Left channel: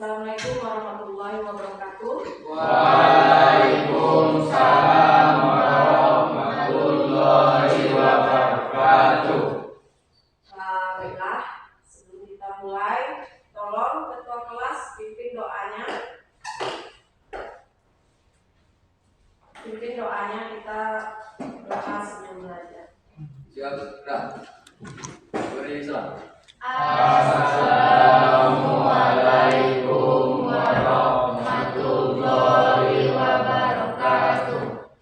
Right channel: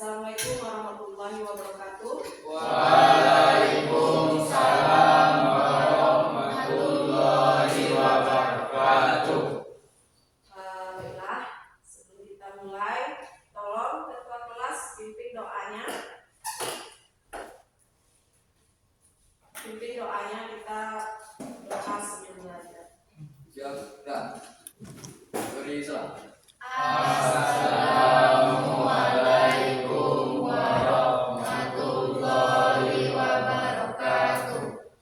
Assalamualaikum warahmatullahi wabarakatuh. Waalaikumsalam warahmatullahi wabarakatuh. Baiklah, sebelum kita mulai, tolong ketua kelas pimpin doanya. Pimpin doanya, kita berdoa sebelum belajar. Silakan. Assalamualaikum warahmatullahi wabarakatuh.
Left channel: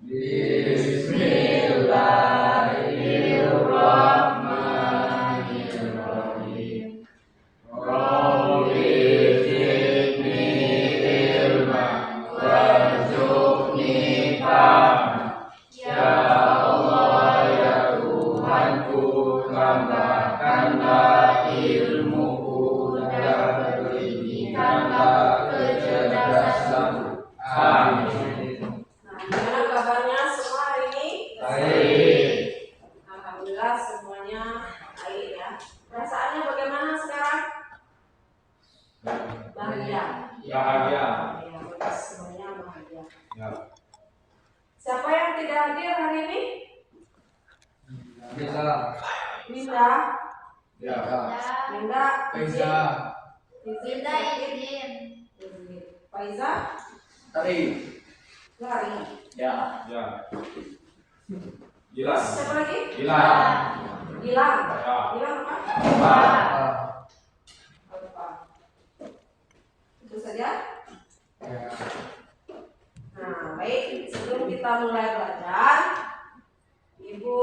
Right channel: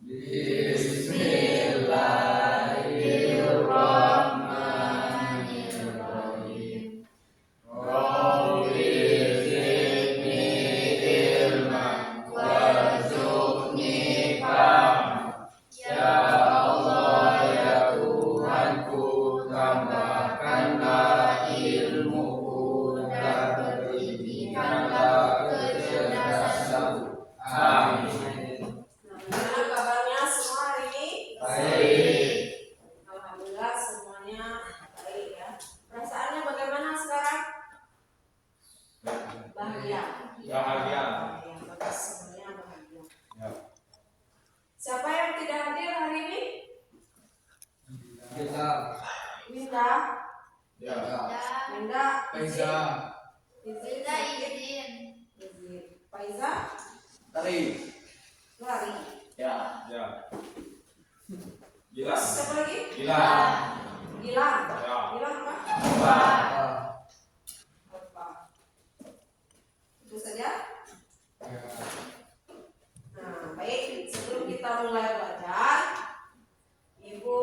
Bismillahirrahmanirrahim. Rabbi zidni ilman warzuqni fahman. Ya Allah, ya Tuhanku, tambahkanlah ilmuku dan berikanlah kecerdasanku. Amin. Nah, gimana kabarnya semua hari ini? Baik. Alhamdulillah semuanya baik ya. Perasaannya bagaimana sekarang? Bahagia. Bahagia. Ya, bagus, semuanya bahagia. Ya. Siapa yang tidak hadir hari ini? Bisa. Minda. Ya. Minda. Bisa. Izin. Faiza. Hari. Lari. Ya. Ya. Gilang. Siapa lagi? Gilang. Gilang. Ya. Gilang apa? Pak. Lupa. Itu saja. Nah, baik. Sebelum kita mulai belajar, Ibu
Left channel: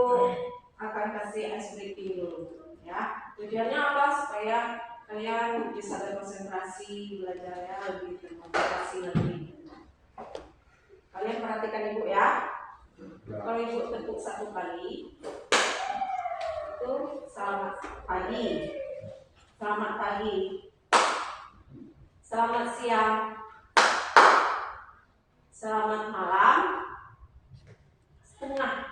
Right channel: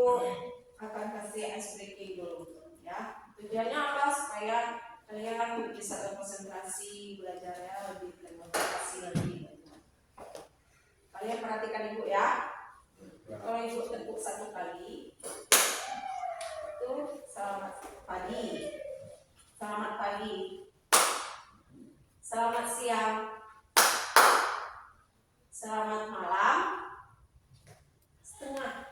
akan kasih ice breaking dulu, ya. Tujuannya apa? Supaya kalian bisa berkonsentrasi belajarnya lebih termotivasi lagi. Kalian perhatikan Ibu ya. Kalau Ibu tepuk satu kali, itu selamat pagi, selamat pagi, selamat siang, selamat malam, setengah.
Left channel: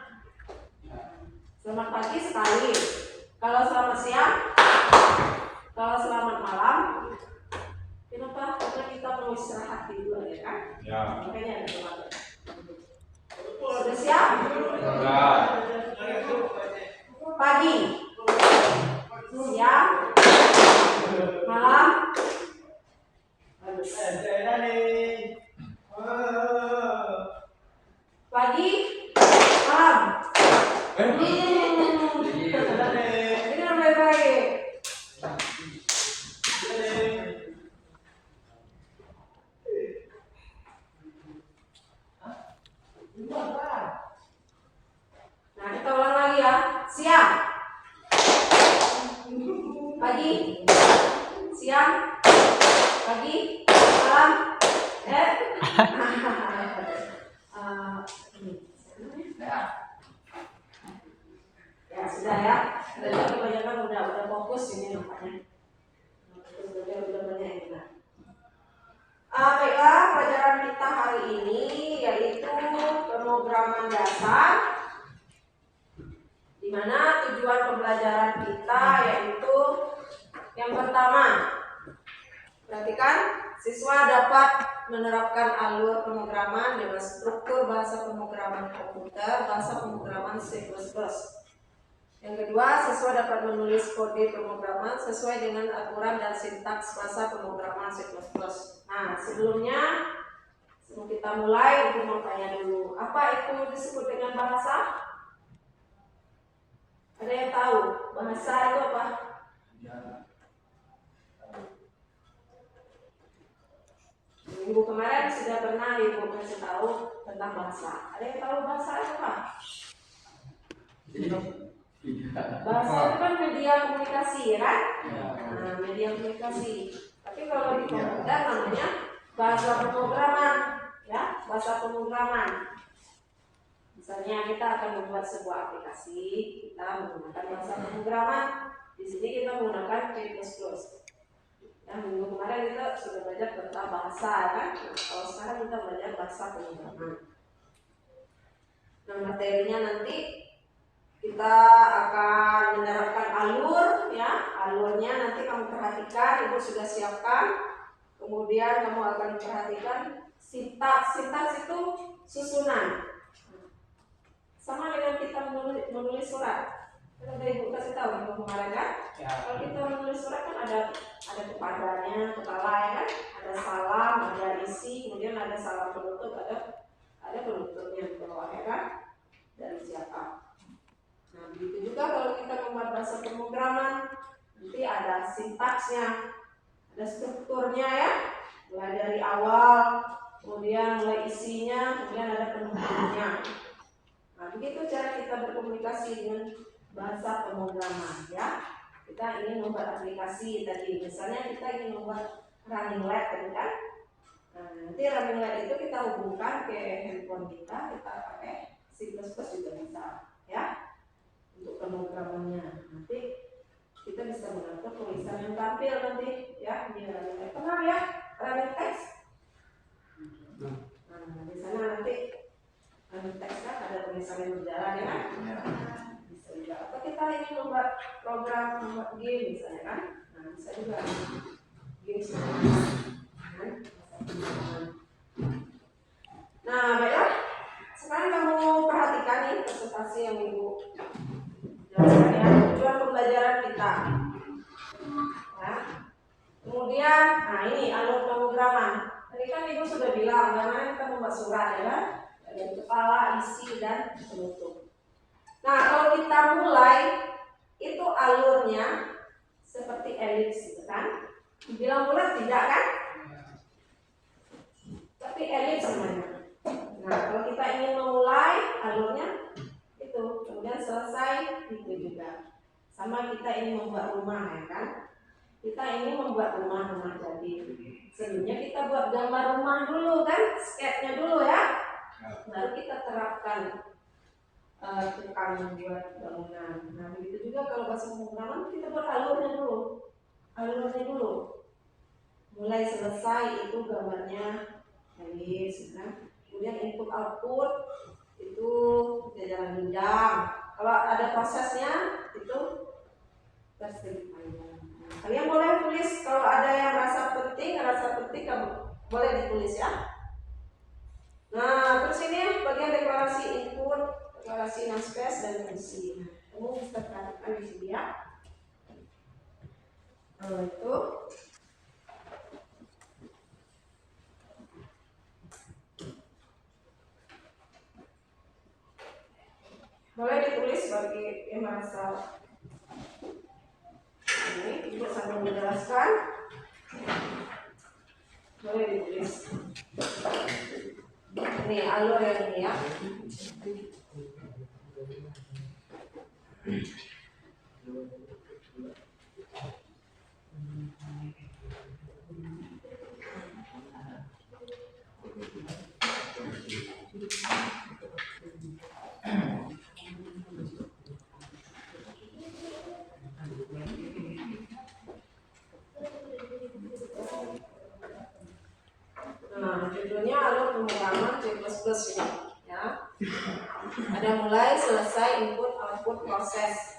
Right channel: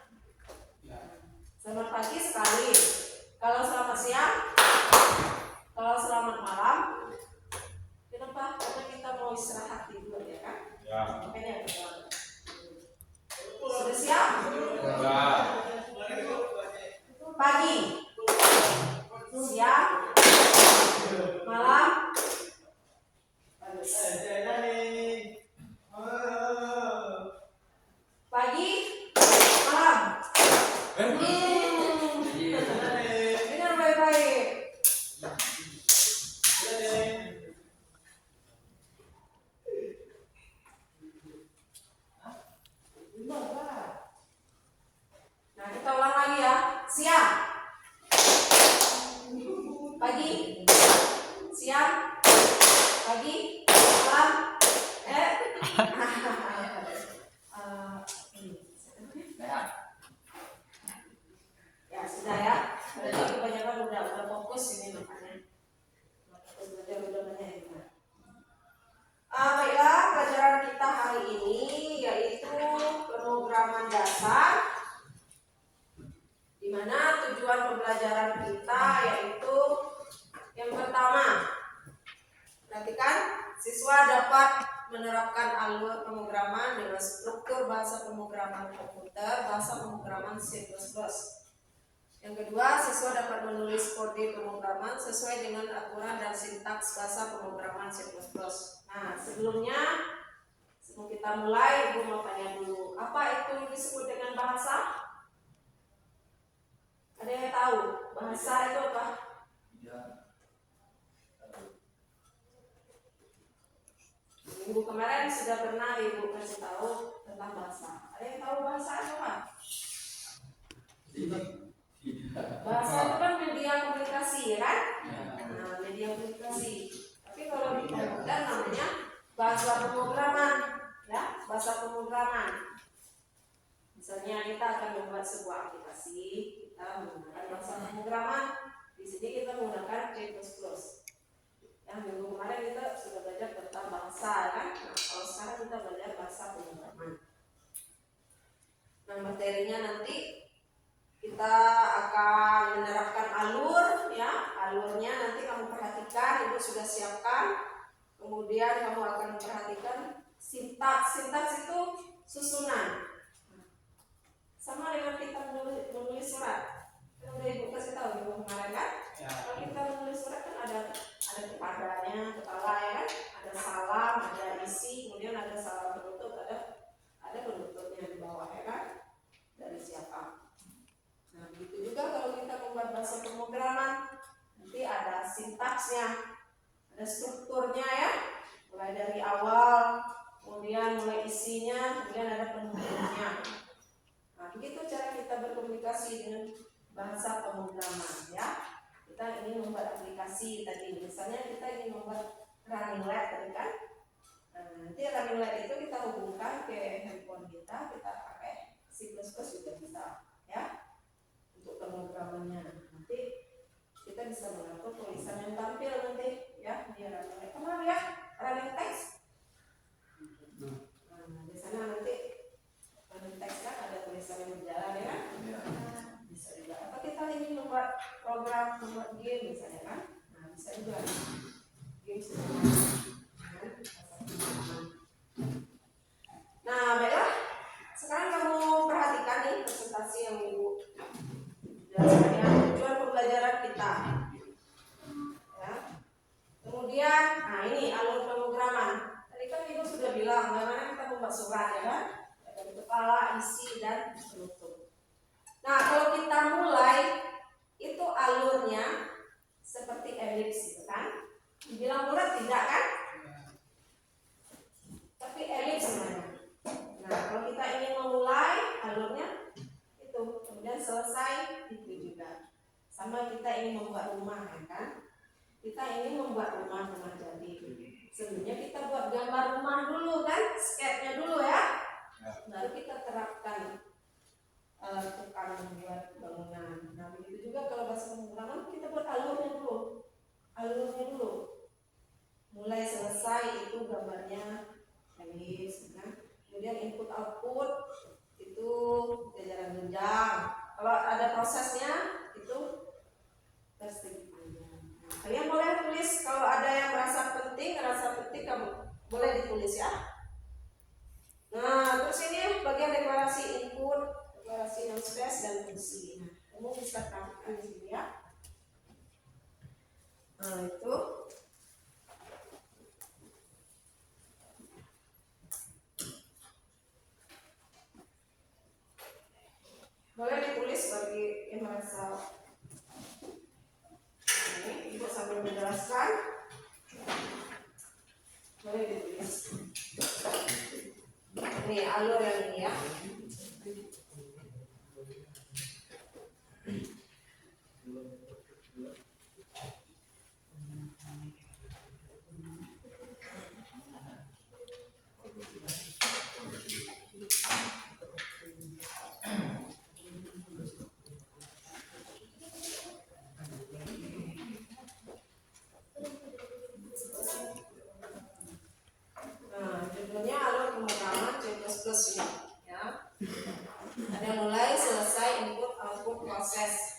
Selamat pagi sekali. Kalau selamat siang, kalau selamat malam, kenapa? Karena kita mau istirahat di luar ya kan? Ya. Makanya ada doa. Sudah siap? Ya. Pagi, siang, malam, bagus. Pagi, malam. Dengar baik-baik. Nah, kita ulang lagi ya. Siang, pagi, siang, pagi, malam. Ya sudah ya. Ada kebanyakan udah fokus ini makanya. Udah banyak yang bilang. Baiklah, pelajaran kita hari ini yaitu pemrograman dasar, di mana tujuan pembelajaran kita yaitu yang pertama, perhatikan, siswa dapat menerapkan alur pemrograman dengan struktur bahasa pemrograman komputer, bahasa pemrograman C++. Yang kedua, siswa dapat menulis kode pemrograman sesuai dengan aturan dan sintaks bahasa pemrograman C++. Nah, sebelum kita mulai, aku mau tanya dulu, apa itu disebut dengan bahasa? Ada yang tahu? Bahasa itu apa? Minggu kemarin sudah pernah Ibu kasih tahu tentang bahasa. Ada yang tahu bahasa apa? Bahasa itu kan media komunikasi, ya kan? Nah, media komunikasi. Tapi kalau di komputer namanya bahasa pemrograman, ya, bahasa pemrograman. Misalnya kita akan membuat sebuah aplikasi, kita menggunakan bahasa pemrograman. Di sini kita menggunakan C++. Yang minggu kemarin kita sudah belajar tentang bahasa, kan? Kalau sekarang kita belajar bahasa pemrograman. Nah, materinya nanti kita akan menerapkan alur, ya. Alurnya nanti kamu perhatikan. perhatikan, Ibu sudah siapkan. Kemudian kamu akan perhatikan sintaks. Sintaks itu susunan. Sama dengan kita menulis surat. Kan udah Ibu kasih tahu Ibu kemarin kan? Ya. Kalau kita menulis surat kan ada kepadanya, kepala ya kan? Ada salam, ada isi, kemudian ada salam penutup, ada penutupnya di bawah ya kan? Dari siapa? Nah, begitu juga kalau kita membuat bahasa pemrograman, nanti ada sintaksnya, ada strukturnya ya, mulai dari awal, kemudian mulai isinya, kemudian ada penutupnya. Nah, begitu cara kita berkomunikasi dengan bahasa pemrograman ya. Kita ingin membuat aplikasi tadi, misalnya kita ingin membuat running lab tadi kan. Nah, nanti running lab itu kita hubungkan ke handphone kita pakai C++ juga bisa ya. Untuk pemrogramannya nanti kita bisa mengatur tulisan yang tampil nanti ya di running lab. Kenal ya running text? Nah, di sana nanti running text kan ada tulisan yang berjalan ya kan? Ya. Bisa juga. Atau kita ingin membuat program, membuat game misalnya kan? Nah, bisa juga game kan? Nah, baiklah. Sekarang kamu perhatikan nih presentasi yang Ibu jelaskan ya, tujuan pembelajaran kita. Ya. Kemudian, nah ini alur pemrograman. Tadi kan Ibu sudah bilang bagaimana kita membuat surat ya kan? Dari kepala, isi, dan penutup. Nah, kalau kita mulai itu alurnya seperti elips gitu kan? Dibilang bulat tidak kan? Tapi elips sebenarnya. Nah, kalau kita ingin memulai alurnya itu, kemudian selesai itu juga. Sama kita ingin membuat rumah ya kan? Kita ingin membuat rumah jadi. Sebelumnya kita buat gambar rumah dulu kan? Sketnya dulu ya. Baru kita terapkan tukang buat bangunan. Nah, begitu juga kalau bahasa pemrograman kita buat alurnya dulu. Alurnya dulu. Mulai selesai itu gambarnya elips kan? Kemudian input output itu jajaran jenjang. Kalau ada prosesnya itu persegi panjang. Kalian boleh tulis kalau ada yang rasa penting kamu boleh ditulis ya. Nah, terus ini bagian deklarasi input, deklarasi namespace dan fungsi. Nah, kamu bisa perhatikan di sini ya. Nah, itu boleh ditulis bagi yang merasa ini Ibu sambil menjelaskan boleh ditulis ini alur yang ini ya. Judulnya alur pemrograman C++ ini ya. Ada mulai, selesai, input, output, proses.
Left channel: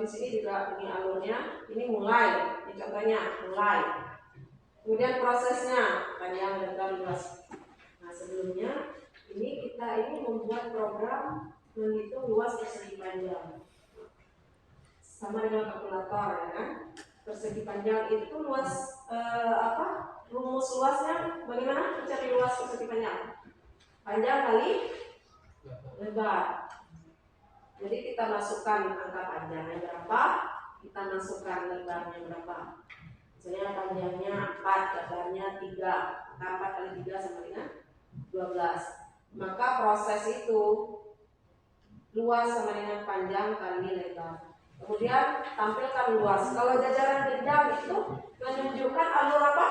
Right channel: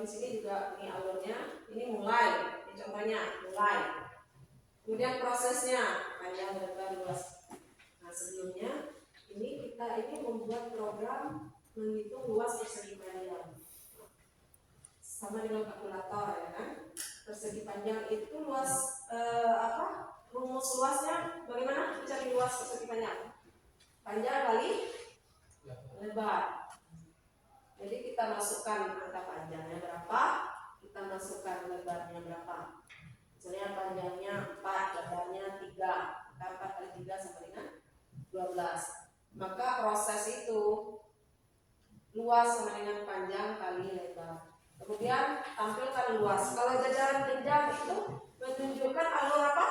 di sini juga ini alurnya, ini mulai, ini contohnya mulai. Kemudian prosesnya panjang, lebar, luas. Nah sebelumnya ini kita membuat program menghitung luas persegi panjang sama dengan kalkulator, ya kan? Persegi panjang itu luas rumus luasnya bagaimana mencari luas persegi panjang? Panjang kali lebar. Jadi kita masukkan angka panjangnya berapa, kita masukkan lebarnya berapa. Misalnya panjangnya 4, lebarnya 3, maka 4 kali 3 sama dengan 12. Maka proses itu luas sama dengan panjang kali lebar. Kemudian tampilkan luas. Kalau jajaran genjang itu menunjukkan alur apa?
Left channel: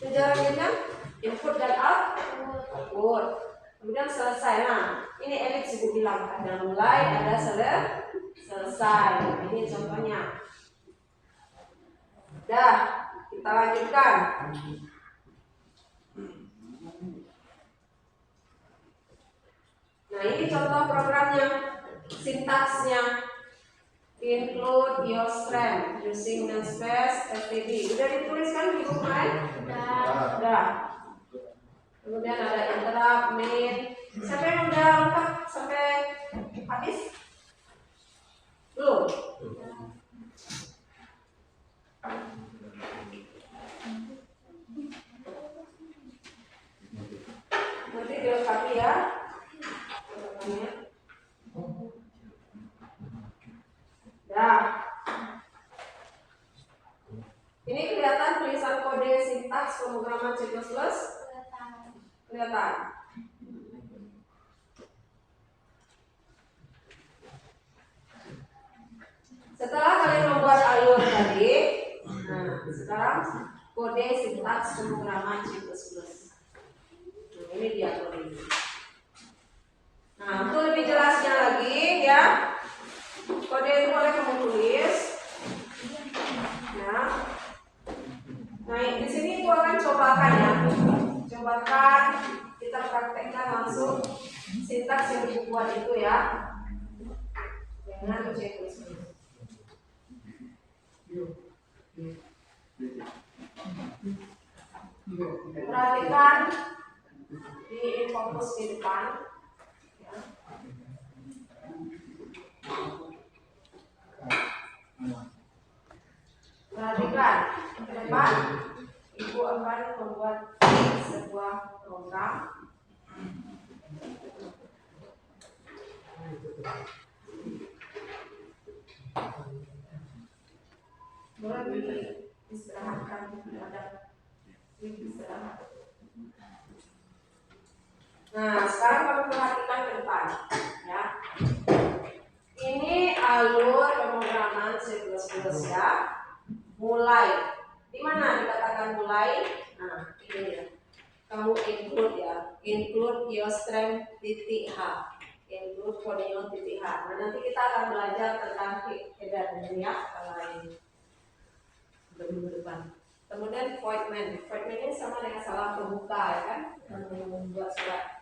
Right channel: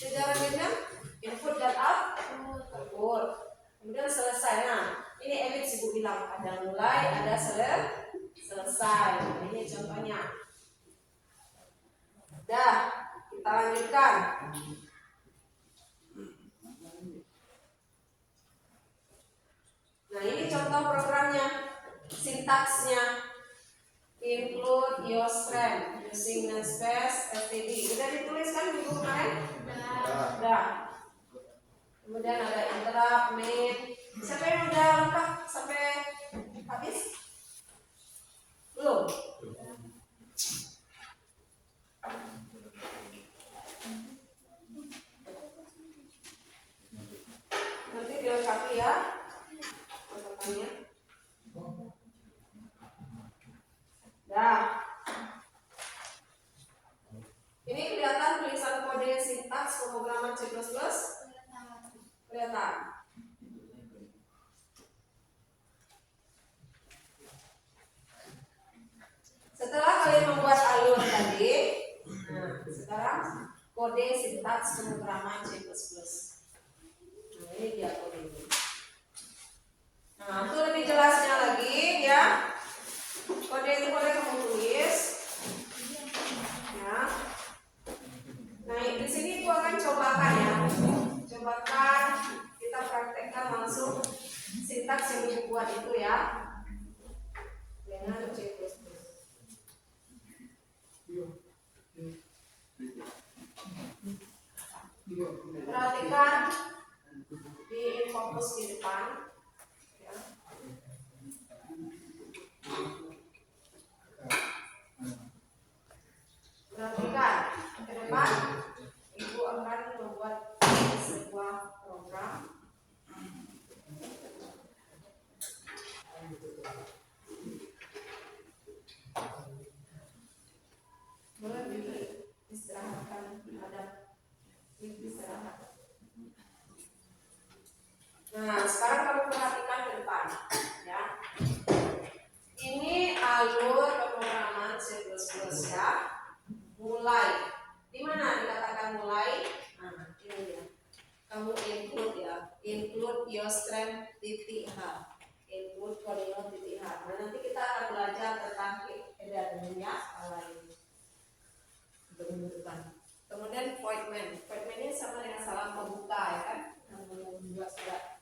Jajaran genjang input dan output. Kemudian selesai. Nah, ini elips ibu bilang ada mulai, ada selesai. Ini contohnya. Dah, kita lanjutkan. Nah, ini contoh programnya, sintaksnya. Include your strength using namespace std. Udah dituliskan di buku kemarin? Udah. Kemudian ada interrupt, main. Siapa yang udah lengkap sampai habis? Belum? Nanti dilengkapi ya. Nah, ini kelihatan tulisan kode sintaks pemrograman C++? Kelihatan. Setelah kalian membuat alur tadi, nah sekarang kode sintaks pemrograman C++. Nah, ini dia kode ini. Nah, untuk lebih jelasnya lagi ya, kode itu boleh kamu tulis. Ya. Nah, di sini gua akan cobakan ya. Cobakan kita praktekkan langsung sintaks yang ibu buat itu ya. Dengan C++. Perhatikan di fokus di depan. Ya. Perhatikan ke depan, ibu akan membuat sebuah program. Boleh diistirahatkan terhadap istirahat. Nah, sekarang kamu perhatikan ke depan, ya. Ini alur pemrograman C++ ya. Mulai. Di mana dikatakan mulai? Nah, ini ya. Kamu include ya. Include yostrem.h. Include coordinate.h. Nah, nanti kita akan belajar tentang header ini ya, skala ini. Minggu depan. Kemudian voidman. Voidman ini sama dengan salam pembuka ya kan? Membuat surat.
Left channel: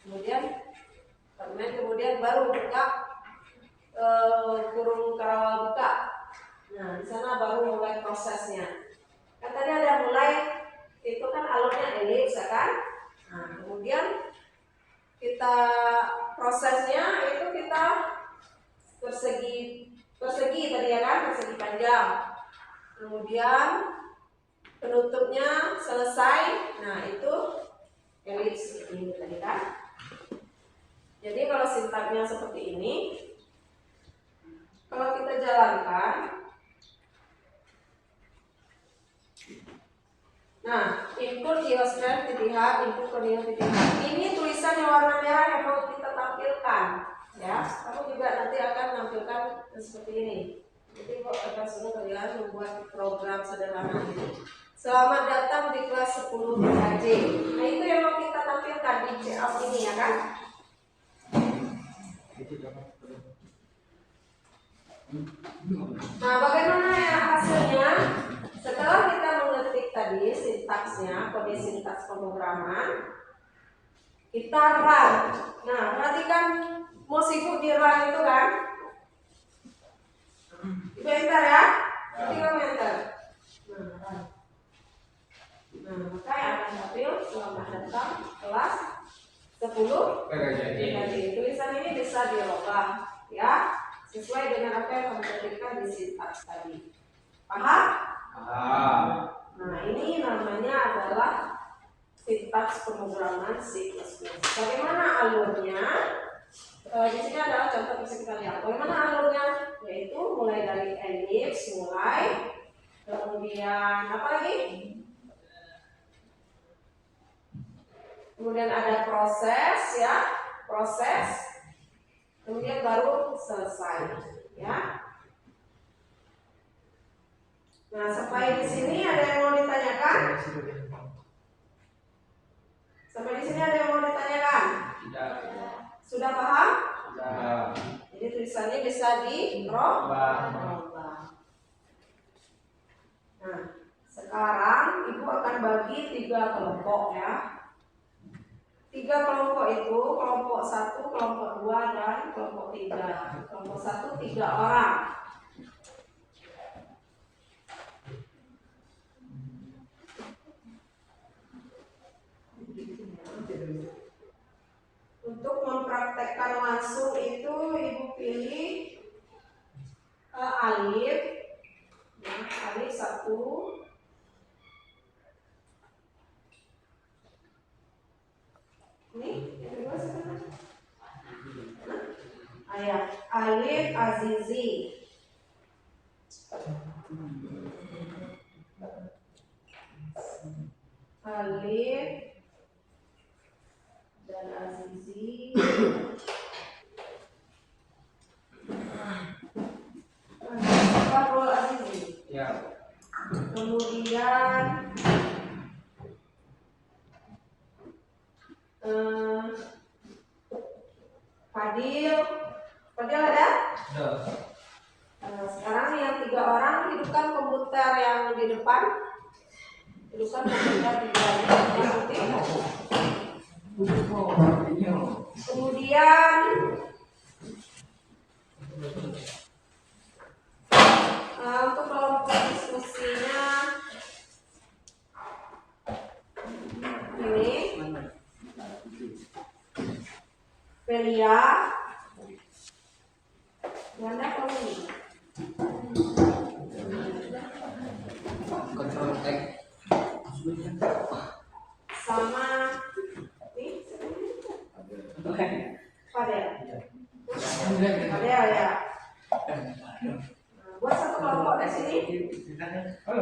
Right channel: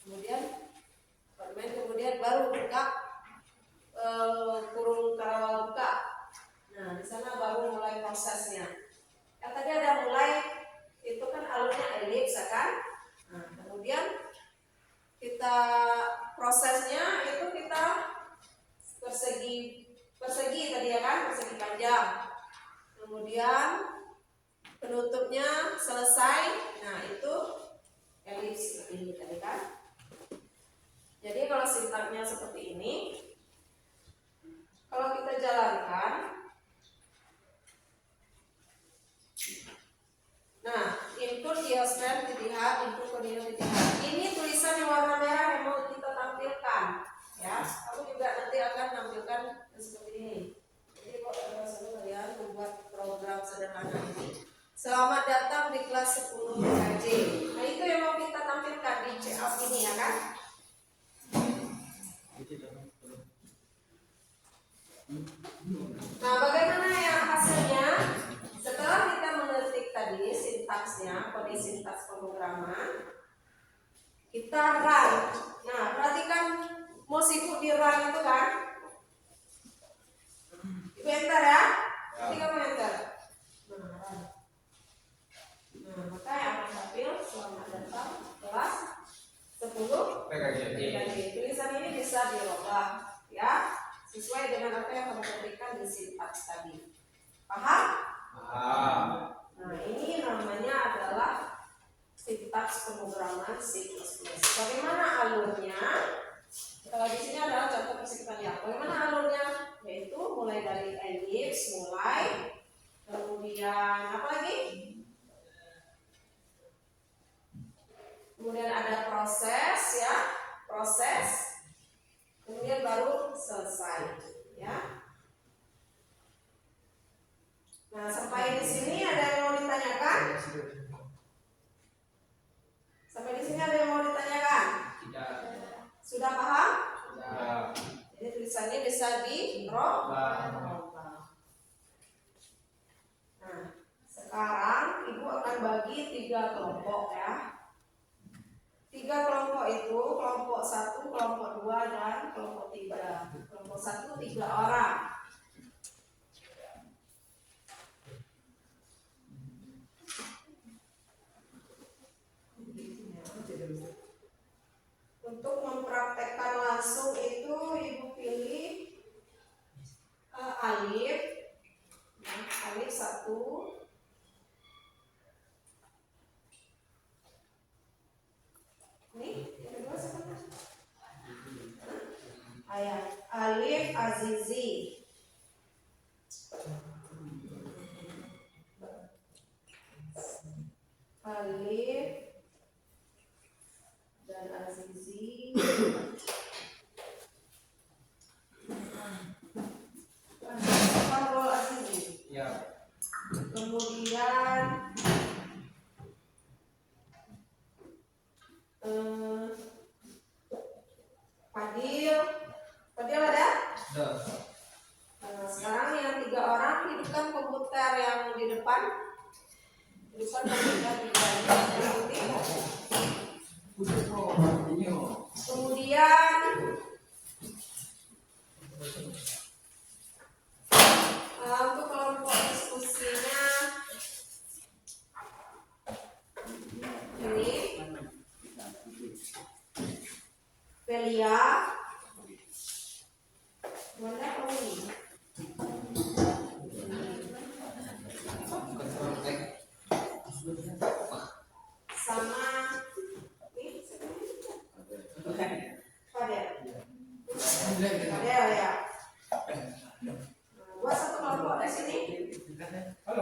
Kemudian voidman, kemudian baru buka kurung karawal buka. Nah, di sana baru mulai prosesnya. Kan tadi ada mulai, itu kan alurnya elips ya kan? Nah, kemudian kita prosesnya itu kita persegi tadi ya kan, persegi panjang. Kemudian penutupnya selesai. Nah, itu elips seperti ini tadi kan. Jadi kalau sintaknya seperti ini, kalau kita jalankan, nah, input yostrem.h, input coordinate.h. Ini tulisan yang warna merah yang mau kita tampilkan, ya. Kamu juga nanti akan menampilkan seperti ini. Jadi akan suruh kalian membuat program sederhana ini. Selamat datang di kelas 10 IKJ. Nah, itu yang mau kita tampilkan di CL ini ya kan? Nah, bagaimana ya hasilnya? Setelah kita mengetik tadi sintaksnya, kode sintaks pemrograman, kita run. Nah, perhatikan mouse ibu di run itu kan? sesuai dengan apa yang kamu berikan di sintaks tadi. Paham? Paham. Nah, ini namanya adalah sintaks pemrograman C++. Bagaimana alurnya? Di sini adalah contoh bisa kita lihat. Bagaimana alurnya? Yaitu mulai dari ellipse, kemudian apa lagi? Kemudian ada proses, ya, proses. Kemudian baru selesai, ya. Nah, sampai di sini ada yang mau ditanyakan? Sampai di sini ada yang mau ditanyakan? Tidak. Sudah paham? Sudah. Jadi tulisannya bisa dirubah. Nah, sekarang Ibu akan bagi 3 kelompok, ya. 3 kelompok itu, kelompok 1, kelompok 2, dan kelompok 3. Kelompok 1 3 orang. Untuk mempraktekkan langsung itu Ibu pilih alif, ya, alif 1. Ini yang kedua siapa? Ayat alif Azizi. Alif dan Azizi. Fahrul Azizi. Ya. Kemudian Fadil ada? Sudah. Sekarang yang 3 orang hidupkan komputer yang di depan. Hidupkan komputer di depan. Kemudian untuk kelompok diskusinya ini Velia, Wanda, kamu ini Control X. sama ini Fadel ya. Buat satu kelompok di sini.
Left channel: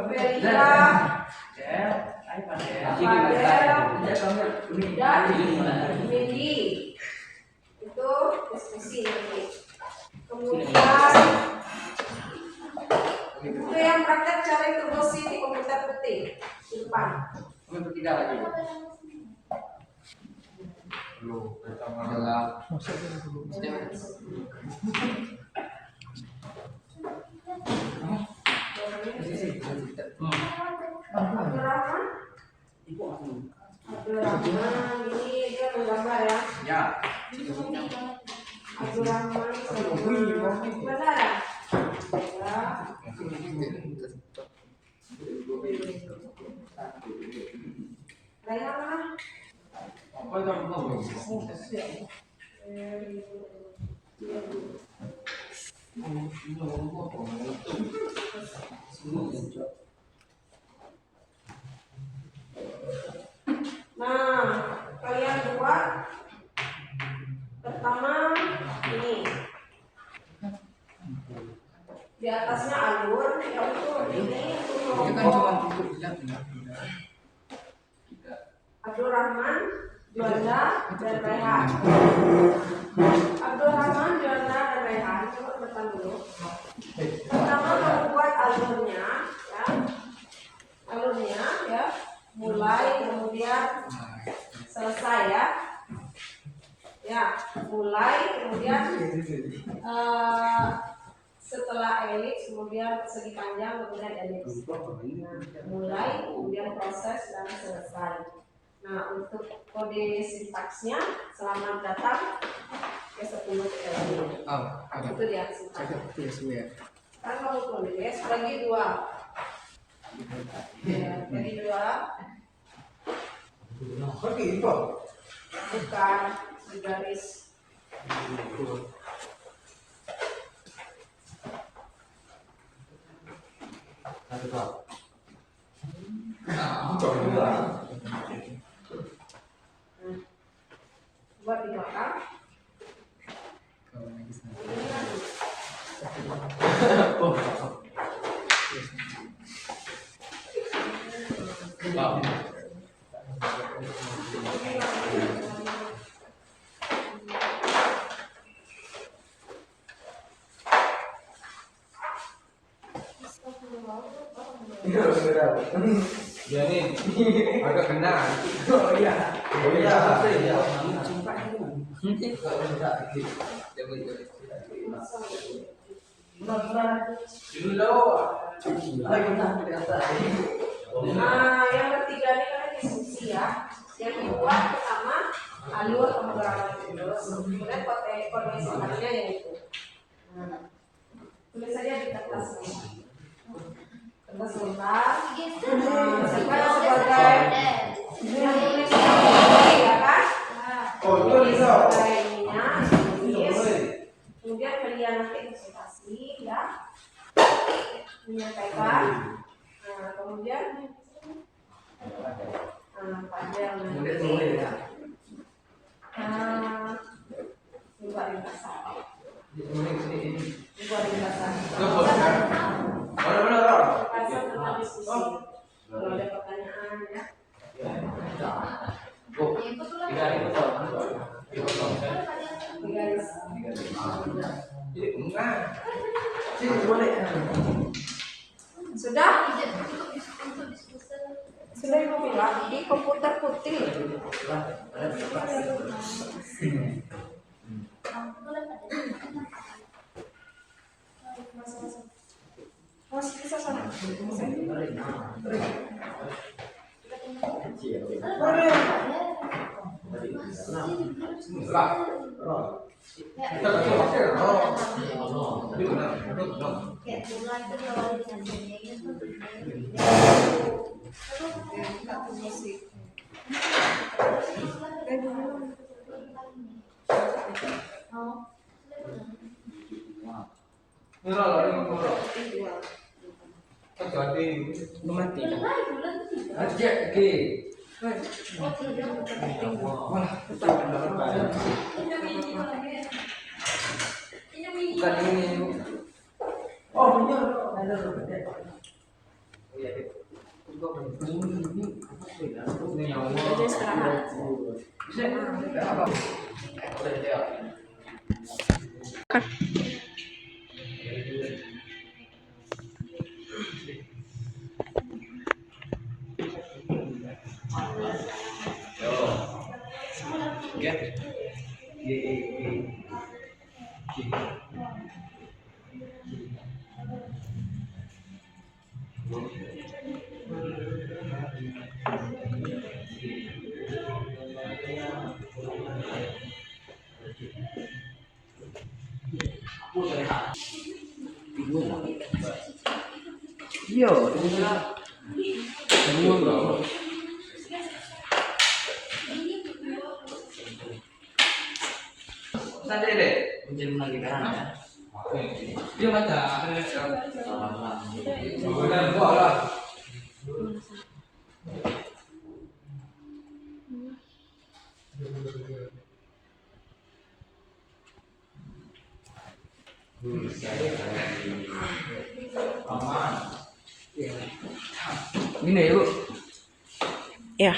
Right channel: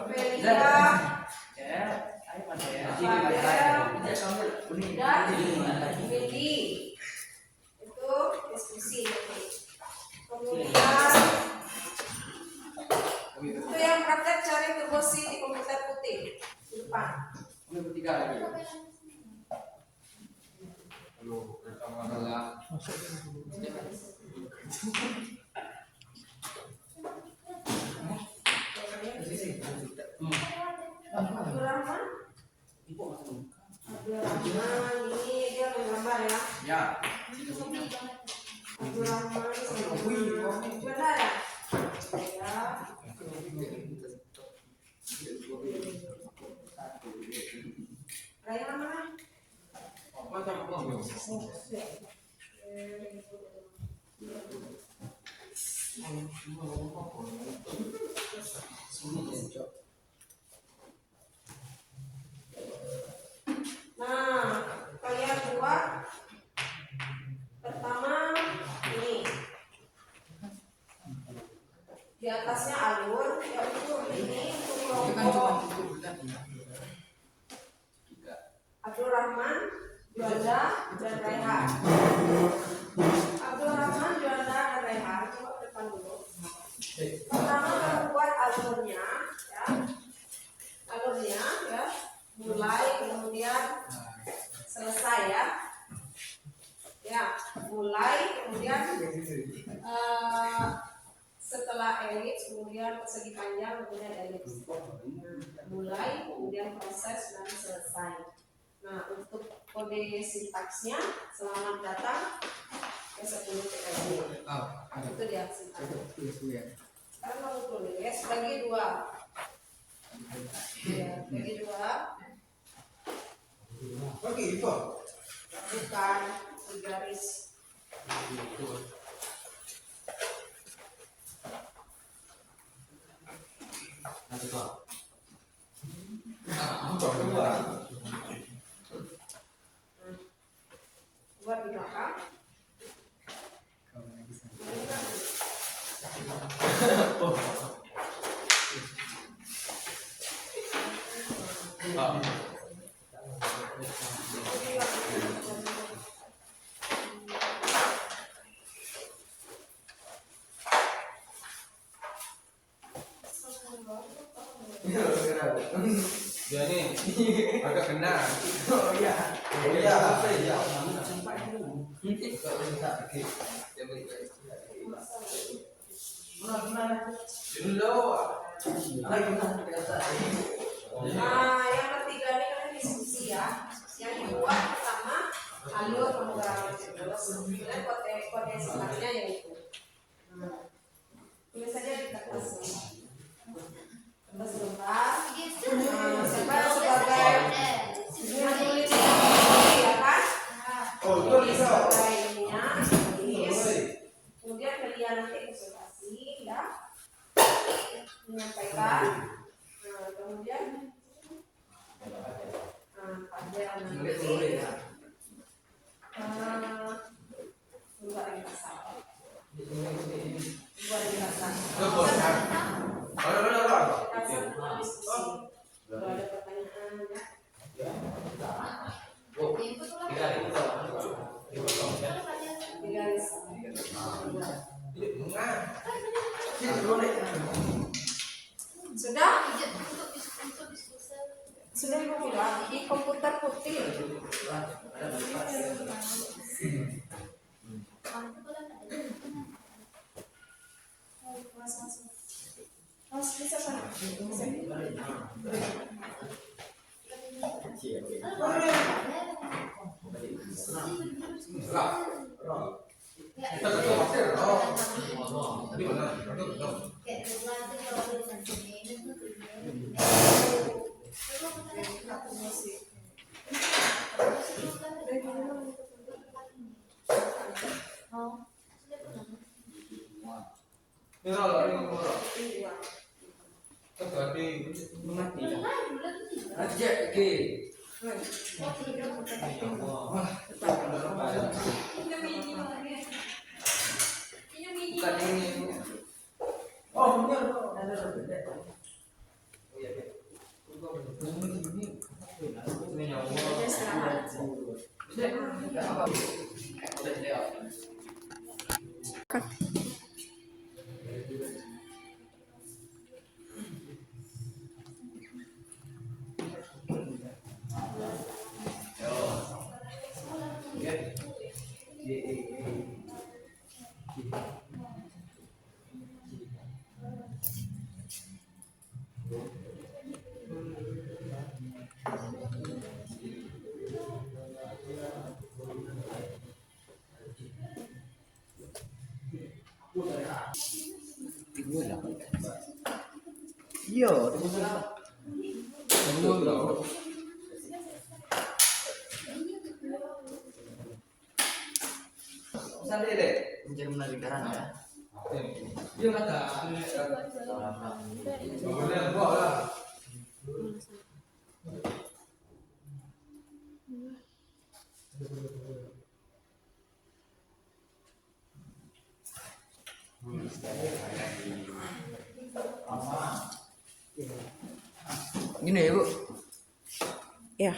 Velia, Fadel, dan Windy. Itu diskusi nanti. Kemudian itu yang praktek cari turbosi di komputer putih di depan. Ketiga lagi. Belum. Adalah. Abdurrahman, ini dia menggambar, ya. Ya. Abdurrahman mana ya? Ya. Rayhan mana? Apa yang Nah, kalian buat pertama ini di atasnya alur, ya untuk ini untuk kelompok Abdurrahman, Juanda, dan Rayhan. Abdurrahman, Juanda, dan Rayhan, coba ke depan dulu. Pertama kamu buat alurnya, ya, alurnya, ya, mulai kemudian selesai, ya. Ya, mulai kemudian setelah elips kemudian persegi panjang kemudian elips. Nah, mulai kemudian proses dan selesai. Nah, untuk kode sintaksnya selamat datang ke 10 LD. Itu dia sintaksnya. Sekarang kamu tulis bagi 2. Ya, bagi 2. Bukan bergaris. Buat di belakang. Ya nih, agak kena. Oh iya. Oh iya. Iya. Yang ketiga ini kalian diskusi ya. Yang kedua pertama alur pemrograman terus, kemudian kode sifatnya yang itu. Tulis saja di kertas sebentar. Kertas sebentar. Siapa yang sebagai menulis ya kan? Tulis sebagai ininya, tulis. Kemudian kalian nanti observasi ya, menyampaikan. Nah, kemudian panjang nanti. Juga ringkasan. Juga ringkasan. Ringkasan tentang diskusi. Kalau ada pertanyaan ya. Garis. Sudah? Sudah ibu bilang di komputer putih. Masuk bisa sana. Mati. Aja ke. Tadi ini. Oh benar. Ada berbeda. Udah istirahat. Iya. Semua loh. Santai deh. Menjadi lagi karena ya. Dia baca. Kemudian kok lah. Aman. Gini ya, Bu. Ya.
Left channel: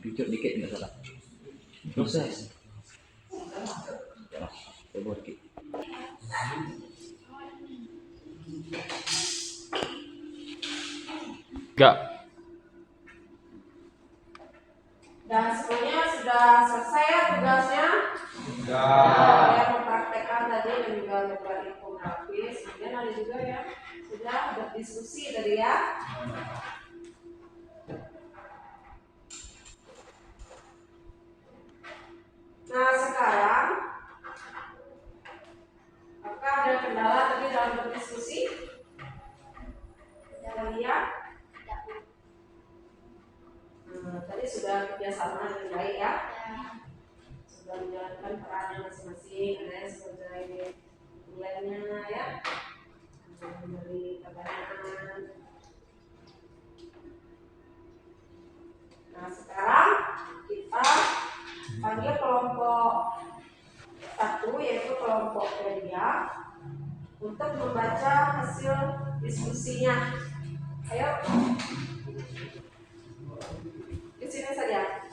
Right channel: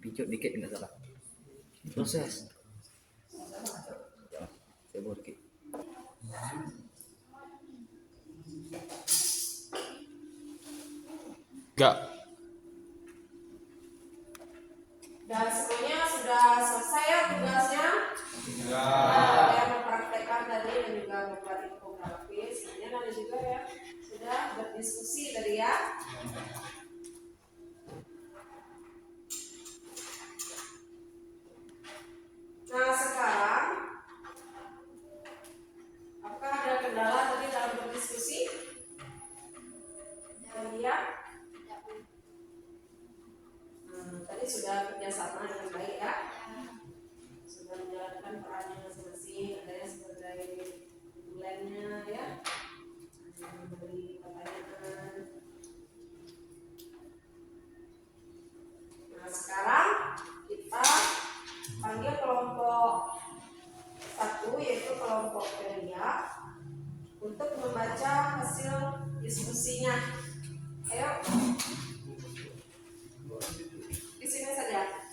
Dikit dikit enggak salah. Proses. Coba dikit. Enggak. Dan semuanya sudah selesai ya tugasnya. Enggak. Ya, mempraktekkan tadi dan juga membuat infografis. Kemudian ada juga ya sudah berdiskusi tadi ya. Nah sekarang, apakah ada kendala tadi dalam berdiskusi? Kalian? Tadi sudah kerjasama dengan baik ya. Sudah menjalankan perannya masing-masing. Ada yang sebagai bulannya ya, memberi kelompoknya untuk membaca hasil diskusinya. Ayo, di sini saja.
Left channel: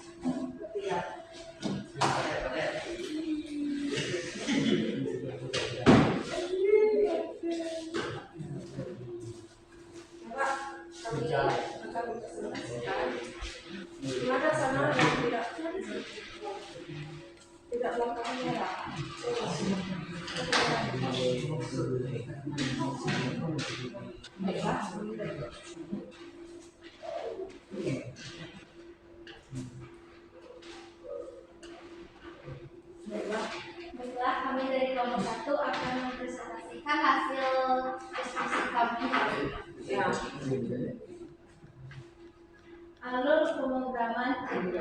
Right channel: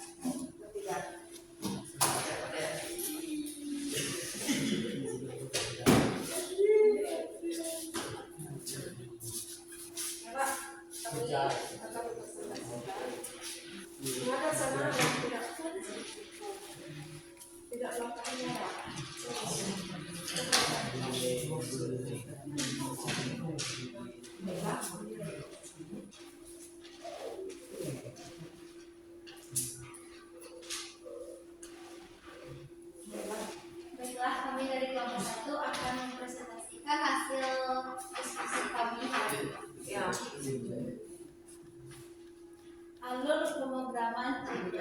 Bertiga. Coba kami akan presentasikan. Gimana sama yang tidak melakukan merah? Baiklah. Baiklah, kami dari kelompok 1 akan mempresentasikan hasil diskusi kami hari ini. Ya. Alur pemrograman C++.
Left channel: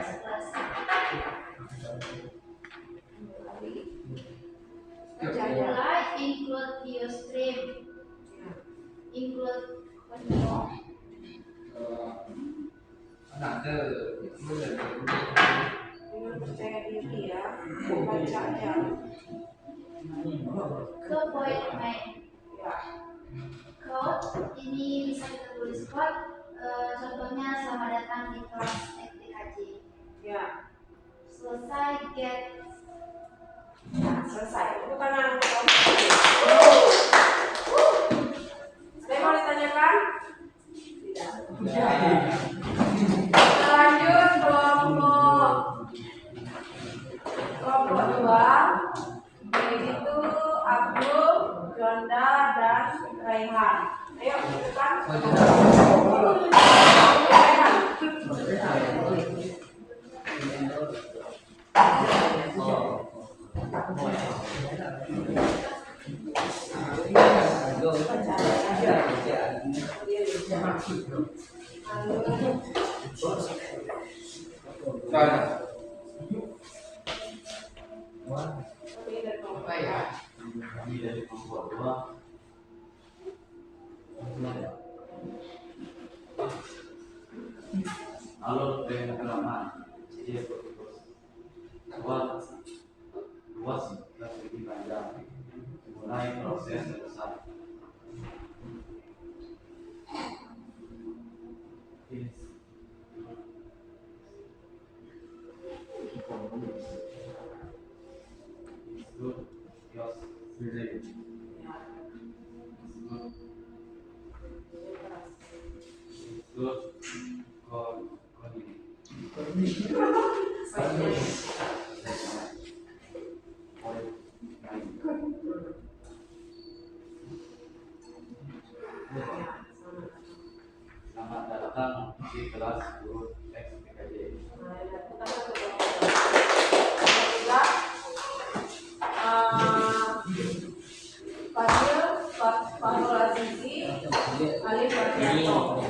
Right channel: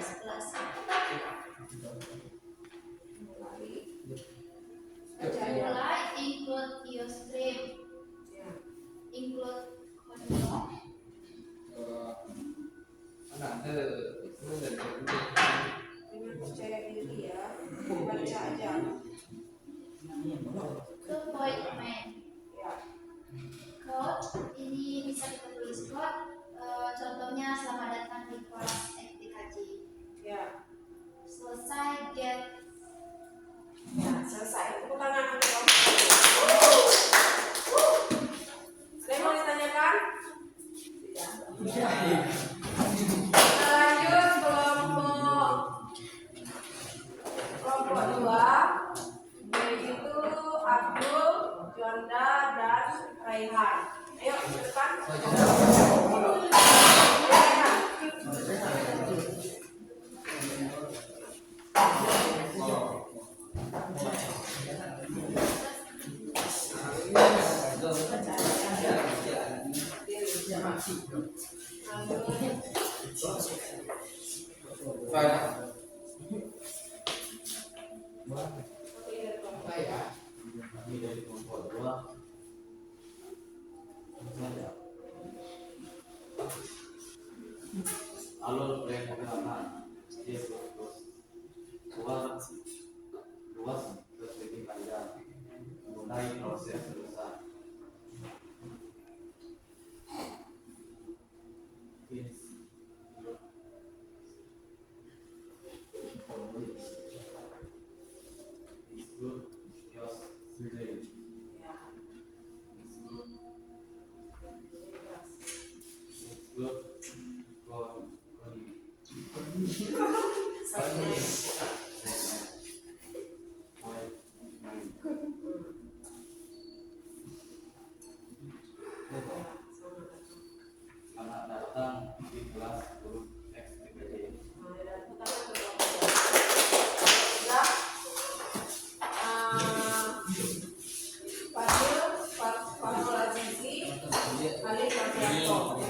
Mulai include IOStream, Ya. include Codimo, Ada Dengan percaya diri ya, baca aja. ke point main. Ya. Code ini bisa kita tulis code, contohnya selamat datang di kelas FTKJ. Ya. Selesai get. Nah, selesai. Tepuk tangan untuk kamu. Ada yang mau ditanyakan? Tidak. Kita lanjut kelompok 2, yaitu Abdul, Jonda, dan Raihan. Ayo, ke depan. Raihan. Kami dari kelompok 2 alur pemrograman C++ luas dan lebih panjang, mulai proses selesai. Include IOStream. Include Codimo. Selamat datang di kelas guru FTKJ. Fadil, Fahrul Azizi, Alif Wardianto.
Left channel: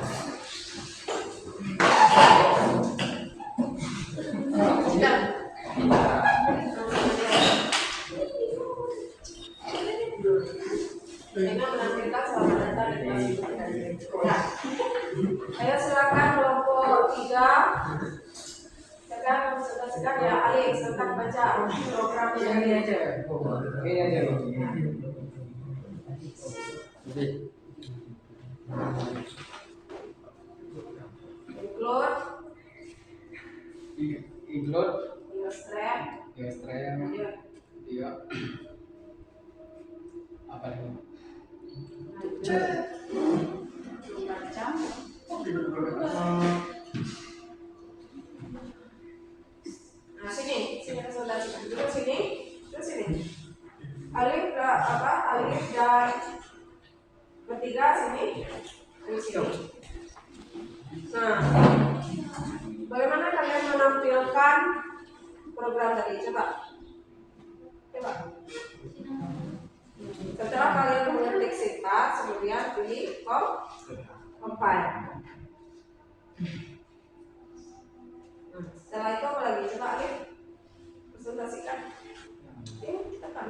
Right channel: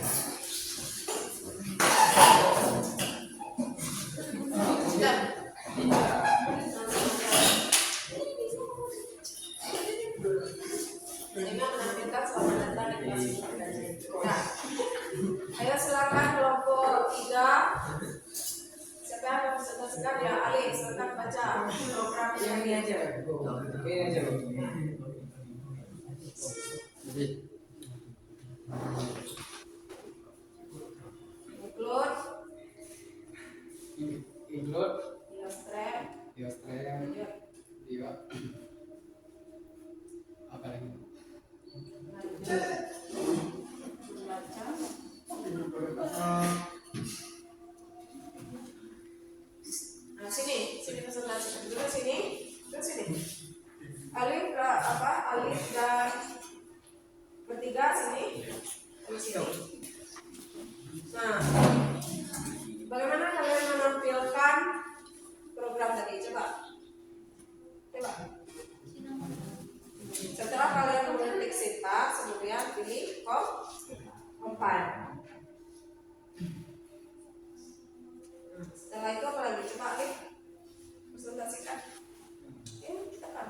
Ini menampilkan selamat datang di kelas FTKJ. Ya. Ayo silakan kelompok 3. Siapa yang mempresentasikan ya? Alif, silakan baca programnya ini aja. include Illustrate, Illustrator, iya. Apa lagi? membaca. Nah, sini presentasikan. Terus sini, terus sini. Alif dan ketiga sini, terus sini. Nah, bagaimana kalian menampilkan program tadi? Coba. Setelah kalian mengetik sintaks, kemudian klik compile. Setelah itu apa lagi? Coba Alif presentasikan. Tekan.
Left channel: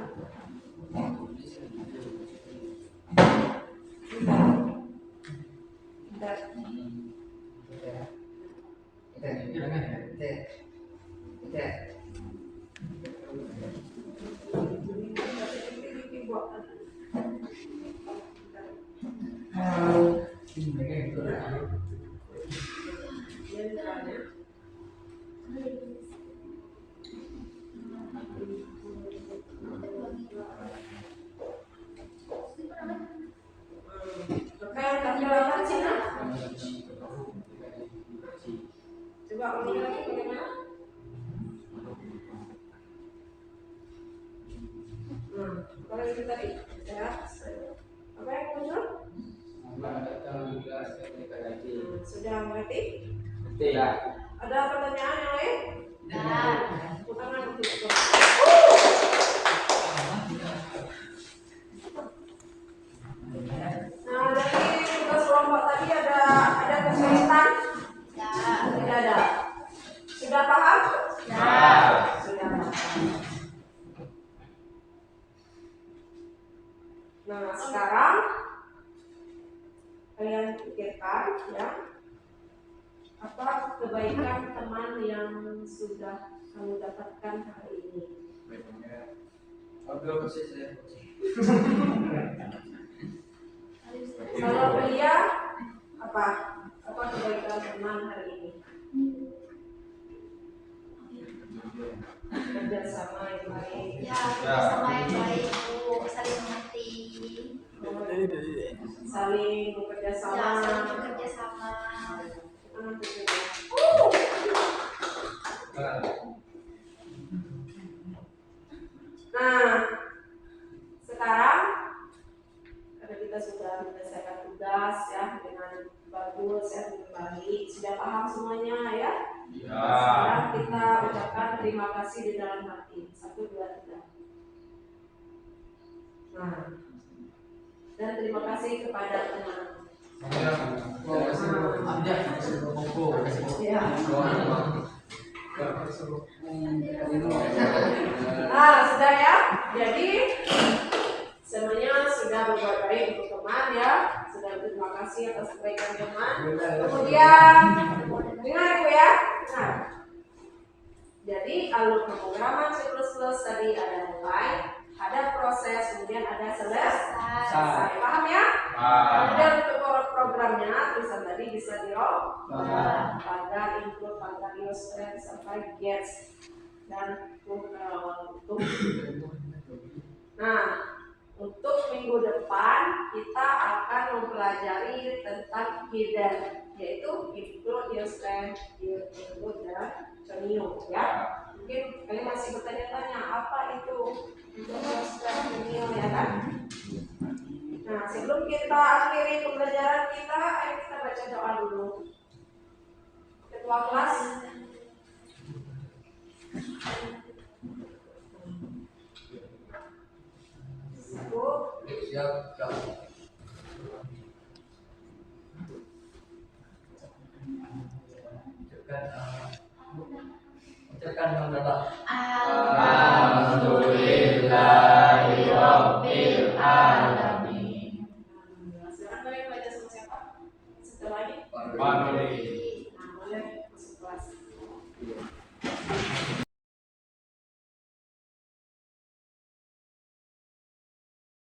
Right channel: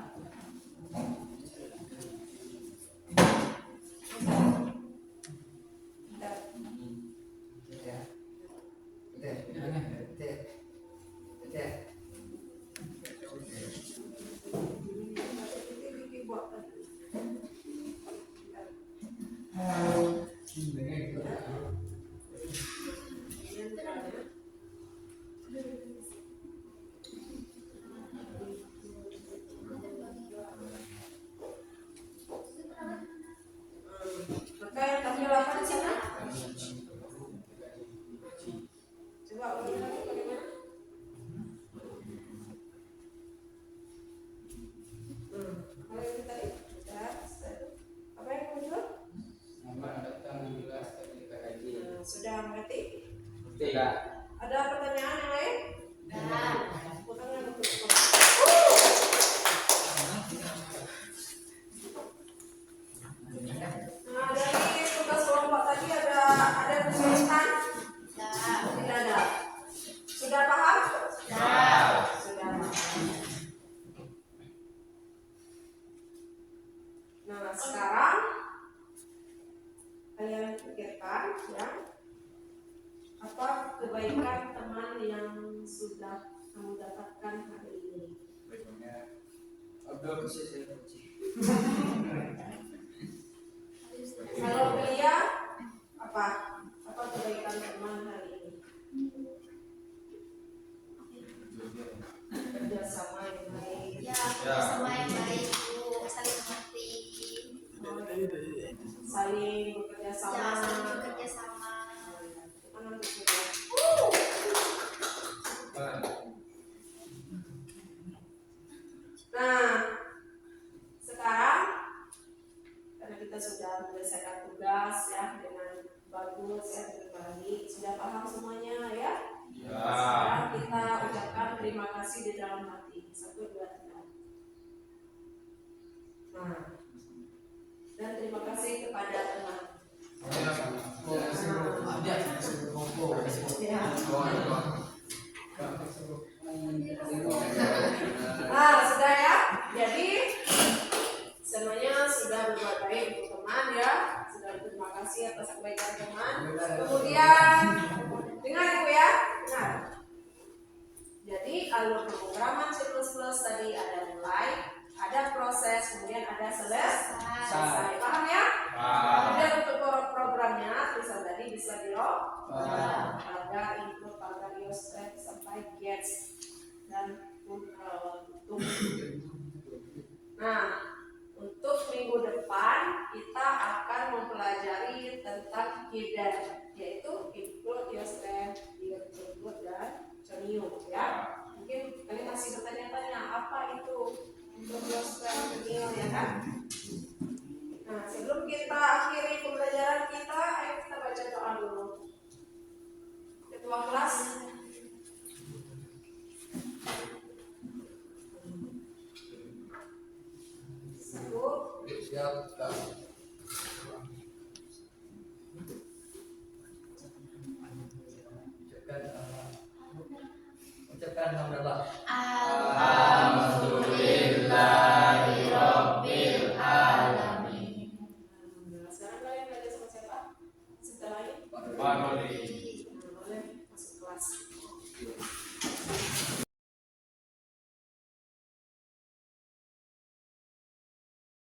Ya, apa yang muncul? Nama datang kelas STKJ. Sudah mengerti? Tidak. Ada pertanyaan yang lain? Tepuk tangan untuk Nah, dari tugas kelompok tadi ada kesulitan? Tidak ada. Sudah paham? Sudah. Nah, sekarang kalian pikirkan ya, apa kebaikan teman yang sudah kamu dapatkan hari ini? Kalau belia, apa kebaikan teman hari ini? Kerjasama yang baik. Ya, sama yang baik Bu, saling mengerti. Saling bekerja Ya, sama. saling bekerja sama. Nah, sekarang karena kita sudah menyelesaikan tugas ya dengan bagus ya, dengan baik, sudah paham semuanya ya. Sekarang kita ucapkan terima kasih di dalam hati. 1, 2, 3. Nah, dan terima kasih kepada teman. Ya. Sudah ya. Jadi semuanya sudah berbuat baik untuk teman ya. Sudah berterima kasih atas kebaikan teman. Kemudian dengar Ibu ya. Nah, jadi alur pemrograman C++ tadi ada mulai, ada proses, kemudian ada selesai. Paham ya? Kemudian untuk programnya tulisan tadi bisa pagar, include, pagar, illustrate sampai gets dan untuk. Nah, untuk minggu depan kita akan mempelajari tentang hidden, yaitu include, illustrate, include dan conio ya. Mungkin kalian masih bertanya-tanya apa itu illustrate, conio ya kan? Nah, sebelum kita akhiri pembelajaran kita, ayo kita baca doa dulu. Ketua kelas. Satu. Siap.